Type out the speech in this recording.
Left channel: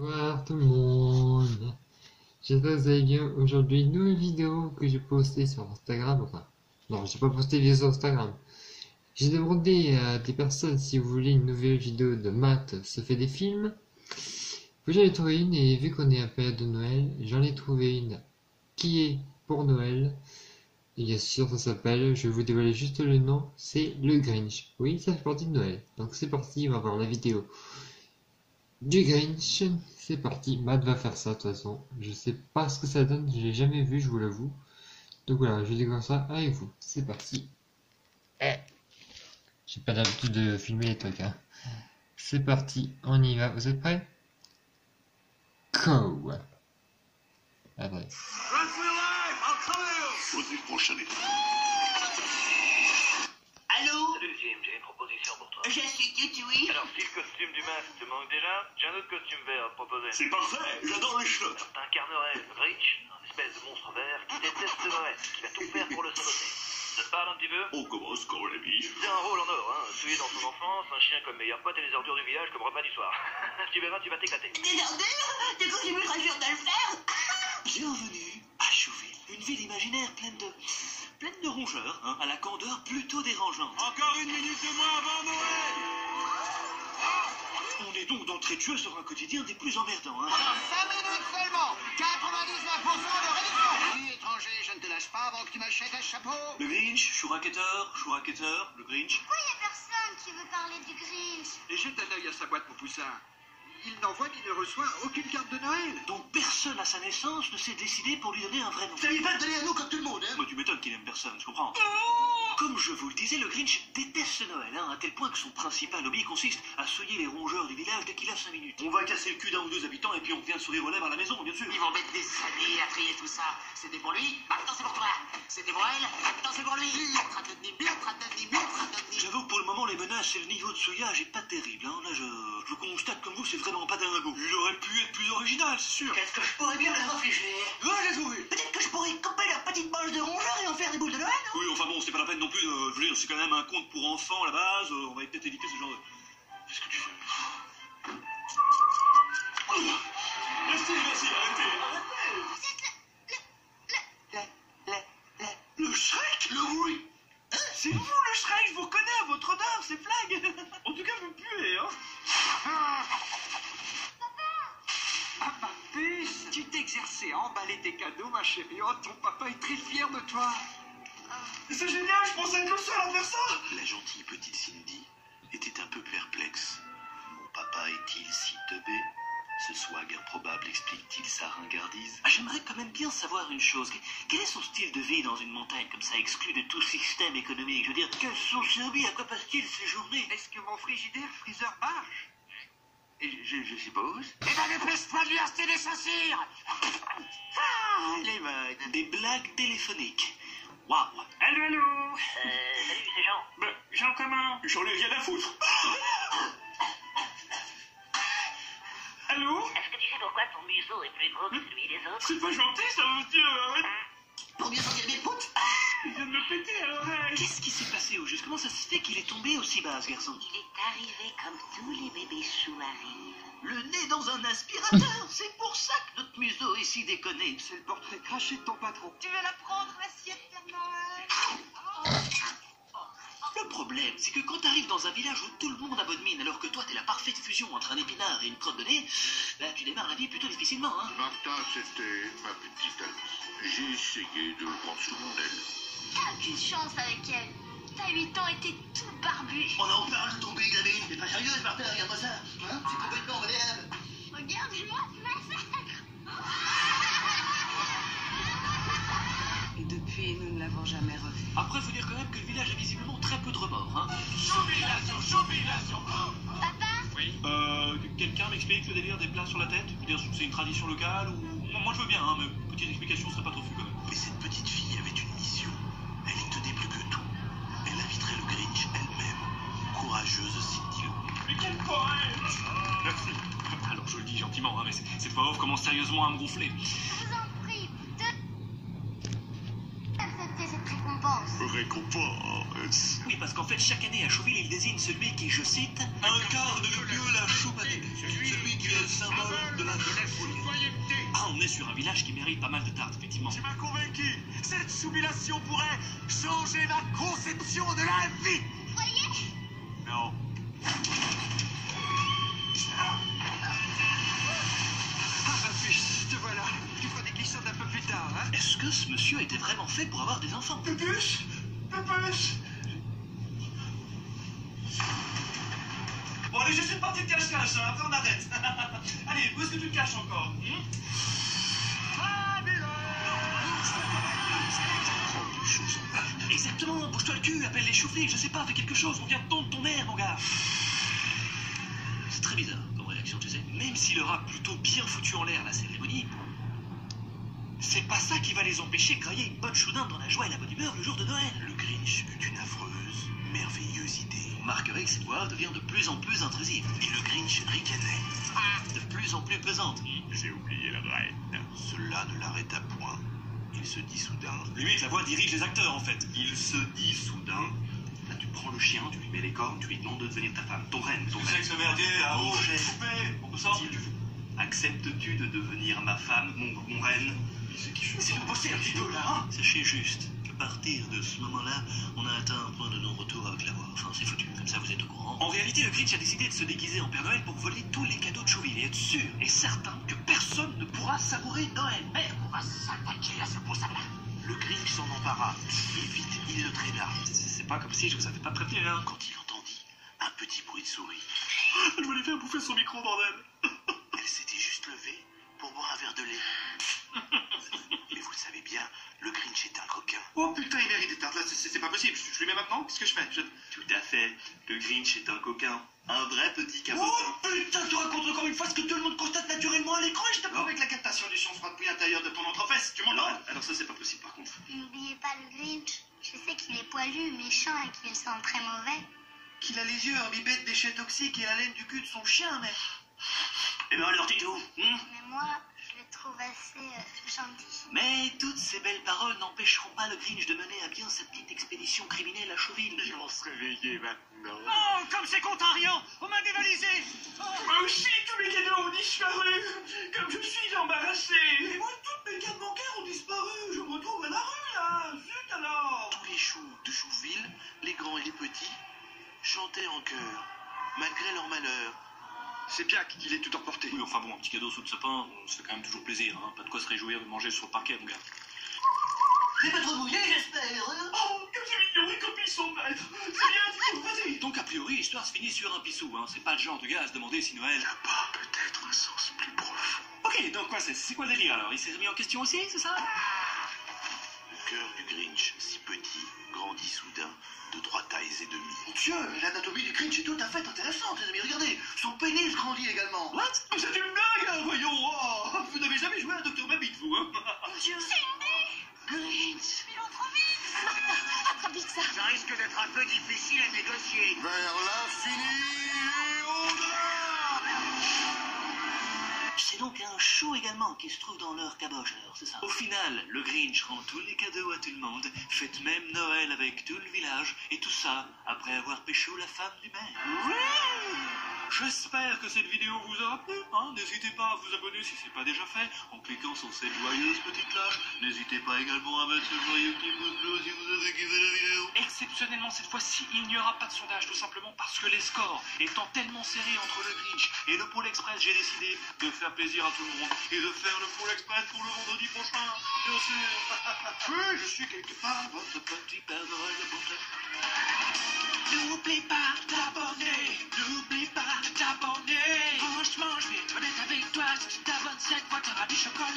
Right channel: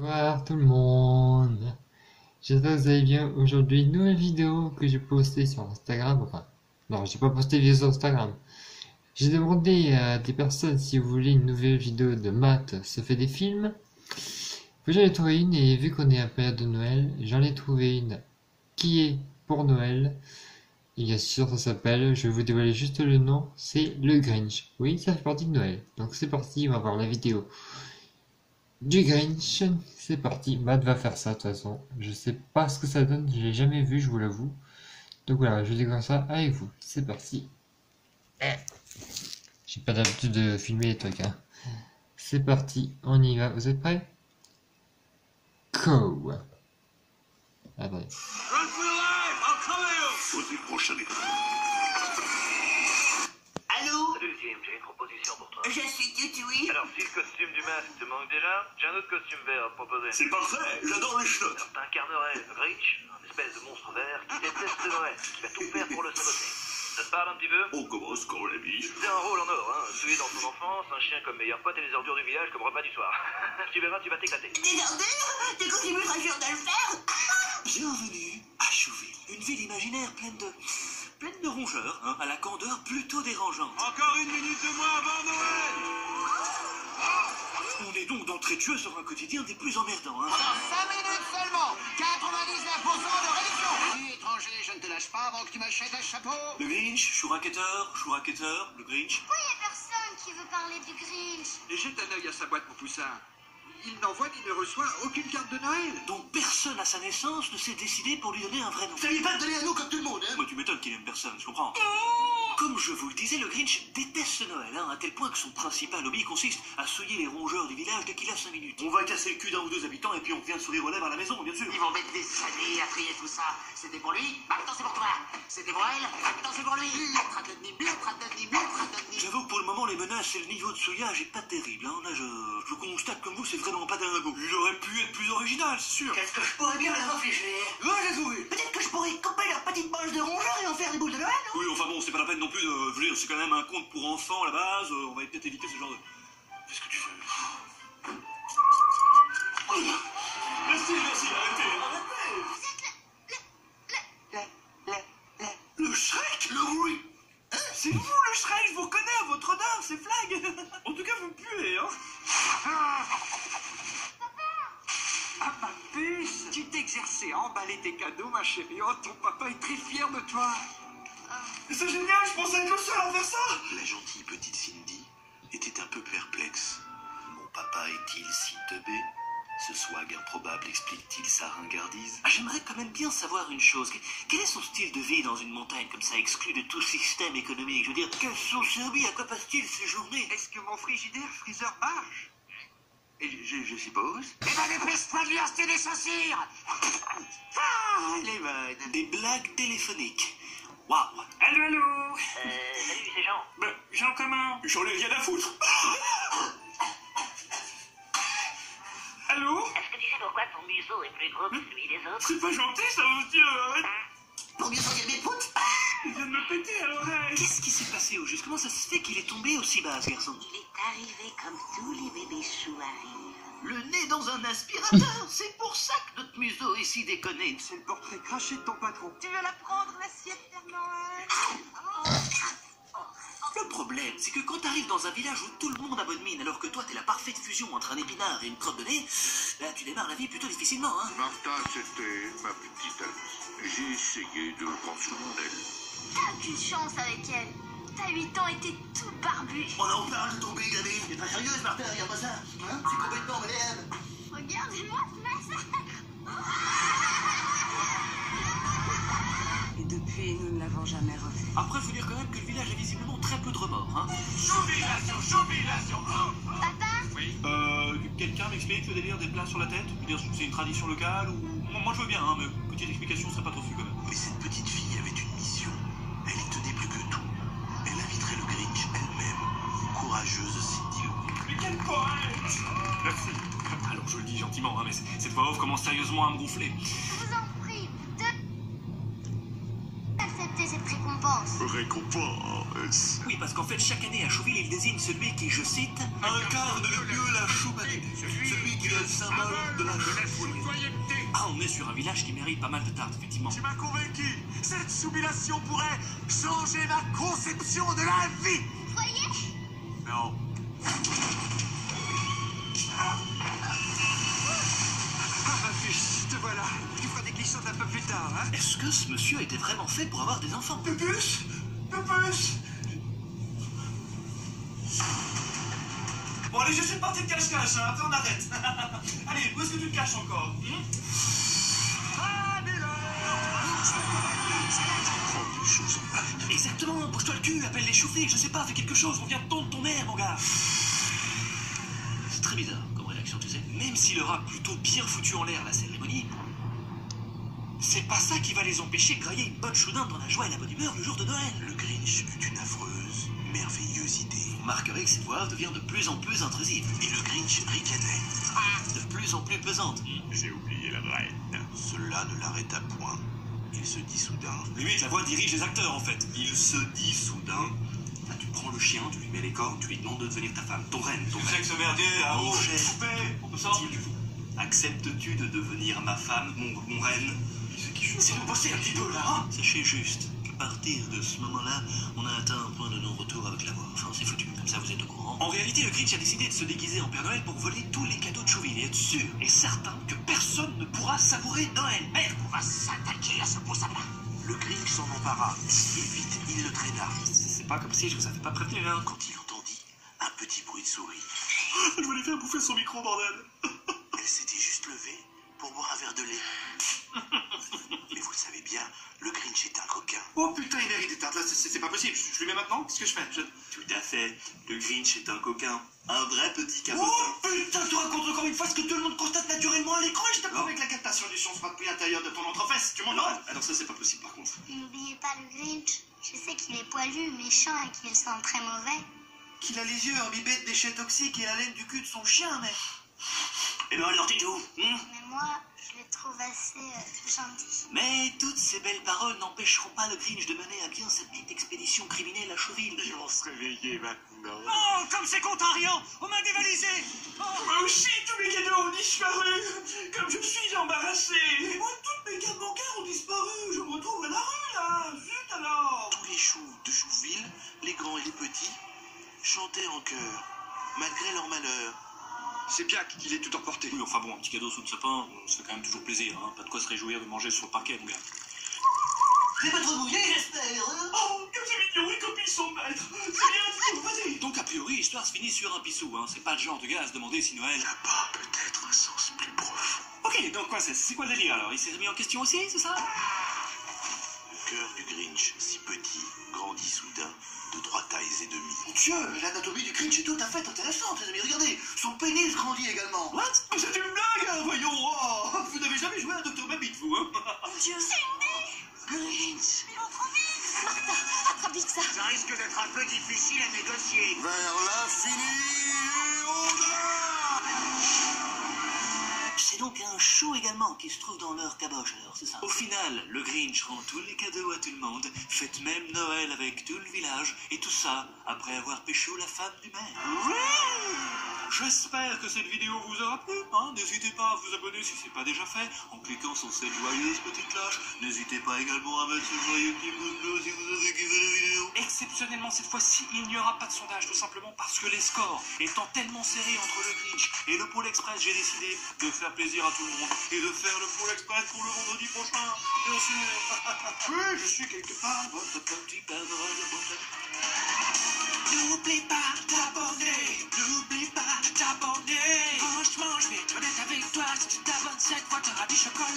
Bonjour tout le monde, j'espère que vous allez bien. Aujourd'hui, une nouvelle vidéo que j'ai postée sur Instagram. Enfin, non, j'ai pas posté de vidéo sur Instagram. J'ai demandé à des personnes si vous voulez une nouvelle vidéo de Matt se fait des films. Puis j'en ai trouvé une, et vu qu'on est à période de Noël, j'en ai trouvé une qui est pour Noël. Et bien sûr, ça s'appelle, je vais vous dévoiler juste le nom, c'est le Grinch. Oui, ça fait partie de Noël. Donc c'est parti, on va voir la vidéo du Grinch. C'est parti, Matt va faire ça de toute façon. Je sais pas ce que ça donne, je l'ai jamais vu, je vous l'avoue. Donc voilà, je découvre ça avec vous. C'est parti. J'ai pas l'habitude de filmer les trucs, hein. C'est parti, on y va. Vous êtes prêts? Go! Attendez. Allô? Salut Jim, j'ai une proposition pour toi. Je suis Tutui. Alors si le costume du masque te manque déjà, j'ai un autre costume vert à te proposer. C'est parfait, j'adore les chenottes. Alors t'incarnerais le Grinch, un espèce de monstre vert qui déteste Noël, qui va tout faire pour le saboter. Ça te parle un petit peu? On commence quand on l'ami. C'est un rôle en or, hein. Celui dans son enfance, un chien comme meilleur pote et les ordures du village comme repas du soir. Tu verras, tu vas t'éclater. Des ordures? Tu continues très dur de le faire? Bienvenue à Chouville, une ville imaginaire pleine de rongeurs, hein, à la candeur plutôt dérangeante. Encore une minute de moins avant Noël. On est donc d'entrée de jeu sur un quotidien des plus emmerdants, hein. Pendant 5 minutes seulement, 99% de réduction. Oui, étranger, je ne te lâche pas avant que tu m'achètes un chapeau. Le Grinch, Chouraketeur, le Grinch. Pourquoi il n'y a personne qui veut parler du Grinch? Et jette un œil à sa boîte, mon poussin. Il n'envoie ni ne reçoit aucune carte de Noël. Donc personne à sa naissance ne s'est décidé pour lui donner un vrai nom. Ça lui pas de donner à nous comme tout le monde, hein. Moi, tu m'étonnes qu'il aime personne, je comprends. Comme je vous le disais, le Grinch déteste Noël, hein, à tel point que son principal hobby consiste à souiller les rongeurs du village dès qu'il a 5 minutes. On va casser le cul d'un ou deux habitants et puis on vient sourire aux lèvres à la maison, bien sûr. Ils vont mettre des années à trier tout ça. C'était pour lui, maintenant c'est pour toi. C'était pour elle, maintenant c'est pour lui. J'avoue que pour le moment, les menaces et le niveau de souillage est pas terrible, hein. Là, je constate comme vous, c'est vraiment pas dingo. Il aurait pu être plus original, c'est sûr. Qu'est-ce que je pourrais bien leur infliger? Ouais, j'ai trouvé. Peut-être que je pourrais couper leur petite poche de rongeur et en faire une boule de Noël, non? Oui, enfin bon, c'est pas la peine non plus de... Je veux dire, c'est quand même un conte pour enfants à la base, on va peut-être éviter ce genre de... Qu'est-ce que tu fais? Merci, arrêtez. Le Shrek? Le oui. Hein? C'est vous le Shrek, je vous connais, votre odeur, c'est flag. En tout cas, vous puez, hein. Ah, ma puce, tu t'exerçais à emballer tes cadeaux, ma chérie. Oh, ton papa est très fier de toi. C'est génial, je pensais être le seul à faire ça. La gentille petite Cindy était un peu perplexe. Mon papa est-il si teubé? Ce swag improbable explique-t-il sa ringardise? J'aimerais quand même bien savoir une chose. Quel est son style de vie dans une montagne comme ça, exclu de tout système économique? Je veux dire, quels sont ses hobbies? À quoi passe-t-il ses journées? Est-ce que mon frigidaire freezer marche? Je suppose. Eh ben, dépêche-toi de lui acheter des chaussures. Ah, il est bonne. Des blagues téléphoniques. Waouh. Allô? Salut, c'est Jean. Jean comment? J'en ai rien à foutre. Allô? Est-ce que tu sais pourquoi ton museau est plus gros que celui des autres? C'est pas gentil ça, monsieur. Arrête. Pour mieux sentir mes poutres? Il vient de me péter à l'oreille. Qu'est-ce qui s'est passé au juste? Comment ça se fait qu'il est tombé aussi bas, ce garçon? Il est arrivé comme tous les bébés choux arrivent. Le nez dans un aspirateur. C'est pour ça que notre museau est si déconné. C'est le portrait craché de ton patron. Tu veux la prendre, l'assiette Père Noël? Le problème, c'est que quand t'arrives dans un village où tout le monde a bonne mine, alors que toi t'es la parfaite fusion entre un épinard et une crotte de nez, là tu démarres la vie plutôt difficilement, hein. Martha, c'était ma petite amie. J'ai essayé de prendre sur mon aile. T'as aucune chance avec elle. T'as 8 ans et t'es tout barbu. On en parle de tomber, gamin. T'es pas sérieuse, Martha, regarde-moi ça. Hein, c'est complètement moderne. Regarde-moi ce massacre. Et depuis, nous ne l'avons jamais revu. Après, faut dire quand même que le village a visiblement très peu de remords, hein. Papa? Oui. Quelqu'un m'explique le délire des plats sur la tête? Je veux dire, c'est une tradition locale ou... Moi je veux bien, hein, mais petite explication serait pas trop fou quand même. Mais cette petite fille avait une mission. Elle y tenait plus que tout. Elle inviterait le Grinch elle-même. Courageuse Cindy Lou. Mais quel courage! Merci. Alors je le dis gentiment, hein, mais cette voix off commence sérieusement à me gonfler. Je vous en prie, acceptez cette récompense. récompense. Oui, parce qu'en fait, chaque année à Chouville, il désigne celui qui, je cite, Incarne le mieux la chaumanité, celui qui est le symbole de la citoyenneté. Ah, on est sur un village qui mérite pas mal de tartes, effectivement. Tu m'as convaincu. Cette soumission pourrait changer ma conception de la vie. Vous voyez? Non. Ah, ma puce, te voilà. Tu feras des glissades un peu plus tard, hein? Est-ce que ce monsieur était vraiment fait pour avoir des enfants? Puce. Bon, allez, juste une partie de cache-cache, hein, après on arrête. Allez, où est-ce que tu te caches encore Exactement, bouge-toi le cul, appelle les chauffés, je sais pas, fais quelque chose, on vient de tondre ton mère, mon gars. C'est très bizarre comme réaction, tu sais. Même s'il aura plutôt bien foutu en l'air la cérémonie, c'est pas ça qui va les empêcher de grailler une bonne choudinde dans la joie et la bonne humeur le jour de Noël. Le Grinch eut une affreuse, merveilleuse idée. Vous remarquerez que cette voix devient de plus en plus intrusive. Et le Grinch ricanait. De plus en plus pesante. J'ai oublié la reine. Cela ne l'arrêta point. Il se dit soudain. Limite, la voix dirige les acteurs, en fait. Il se dit soudain. Là, tu prends le chien, tu lui mets les cornes, tu lui demandes de devenir ta femme, ton reine, ton Tu sais reine. que ce merdier, ah Mon oh, chef. coupé, on peut sortir. Acceptes-tu de devenir ma femme, mon reine? Si vous bossez un petit peu là, hein. Sachez juste qu'à partir de ce moment-là, on a atteint un point de non-retour avec la voix. Enfin, c'est foutu, comme ça vous êtes au courant. En réalité, le Grinch a décidé de se déguiser en Père Noël pour voler tous les cadeaux de Chouville et être sûr et certain que personne ne pourra savourer Noël. Merde, on va s'attaquer à ce beau sapin. Le Grinch s'en empara. Et vite, il le traîna. C'est pas comme si je vous avais pas prévenu, hein. Quand il entendit un petit bruit de souris. Elle voulait faire bouffer son micro, bordel. Elle s'était juste levée pour boire un verre de lait. Mais vous le savez bien, le Grinch est un coquin. Oh putain, il mérite des tartes là, c'est pas possible. Je lui mets maintenant, qu'est-ce que je fais Tout à fait. Le Grinch est un coquin. Un vrai petit cabotin. Oh putain, tu racontes encore une fois ce que tout le monde constate naturellement à l'écran et je t'apprends avec la captation du son froid depuis l'intérieur de ton entrefesse. Tu m'entends? Alors ça, c'est pas possible par contre. N'oubliez pas le Grinch. Je sais qu'il est poilu, méchant et qu'il sent très mauvais. Qu'il a les yeux imbibés de déchets toxiques et la laine du cul de son chien, mais... Eh ben alors, Tito, Mais moi, je le trouve assez gentil. Mais toutes ces belles paroles n'empêcheront pas le Grinch de mener à bien sa petite expédition criminelle à Chouville. Ils vont se réveiller maintenant. Oh, comme c'est contrariant! On m'a dévalisé! Moi aussi, tous mes cadeaux ont disparu. Comme je suis embarrassé. Et moi, toutes mes cartes bancaires ont disparu. Je me retrouve à la rue, là. Zut alors. Tous les choux de Chouville, les grands et les petits, chantaient en chœur, malgré leur malheur. C'est Piac qu'il est tout emporté. Oui, enfin bon, un petit cadeau sous le sapin, ça fait quand même toujours plaisir, hein. Pas de quoi se réjouir de manger sur le parquet, mon gars. J'ai pas trop mouillé, j'espère. Oh, que c'est mignon et comme ils sont maîtres. C'est bien, vas-y. Donc a priori, l'histoire se finit sur un pissou, hein. C'est pas le genre de gars à se demander si Noël... Là-bas, peut-être un sens plus profond. Ok, donc quoi, c'est quoi le délire alors? Il s'est remis en question aussi, c'est ça? Le cœur du Grinch, si petit, grandit soudain de 3 tailles et demie. Mon Dieu, l'anatomie du Grinch est tout à fait intéressante, les amis. Regardez, son pénis grandit également. What? C'est une blague, hein, voyons. Oh, vous n'avez jamais joué à Dr Babbitt, vous, hein? Mon Dieu, Grinch, ils vont trop vite. Martha, attrape vite ça. Ça risque d'être un peu difficile à négocier. Vers l'infini et au-delà. C'est donc un show également qui se trouve dans leur caboche, alors c'est ça. Au final, le Grinch rend tous les cadeaux à tout le monde, fête même Noël avec tout le village, et tout ça après avoir pécho la femme du maire. J'espère que cette vidéo vous aura plu, hein. N'hésitez pas à vous abonner si c'est pas déjà fait, en cliquant sur cette joyeuse petite cloche. N'hésitez pas également à mettre ce joyeux petit pouce bleu si vous avez kiffé la vidéo. Exceptionnellement cette fois-ci, il n'y aura pas de sondage, tout simplement parce que les scores étant tellement serrés entre le Grinch et le Pôle Express, j'ai décidé de faire plaisir à tout le monde et de faire le Pôle Express pour le vendredi prochain, bien sûr. Oui, je suis quelque part votre petit Père Noël de bonté. N'oublie pas de t'abonner, n'oublie pas de t'abonner. Franchement, je vais être honnête avec toi, si tu t'abonnes cette fois, t'auras du chocolat.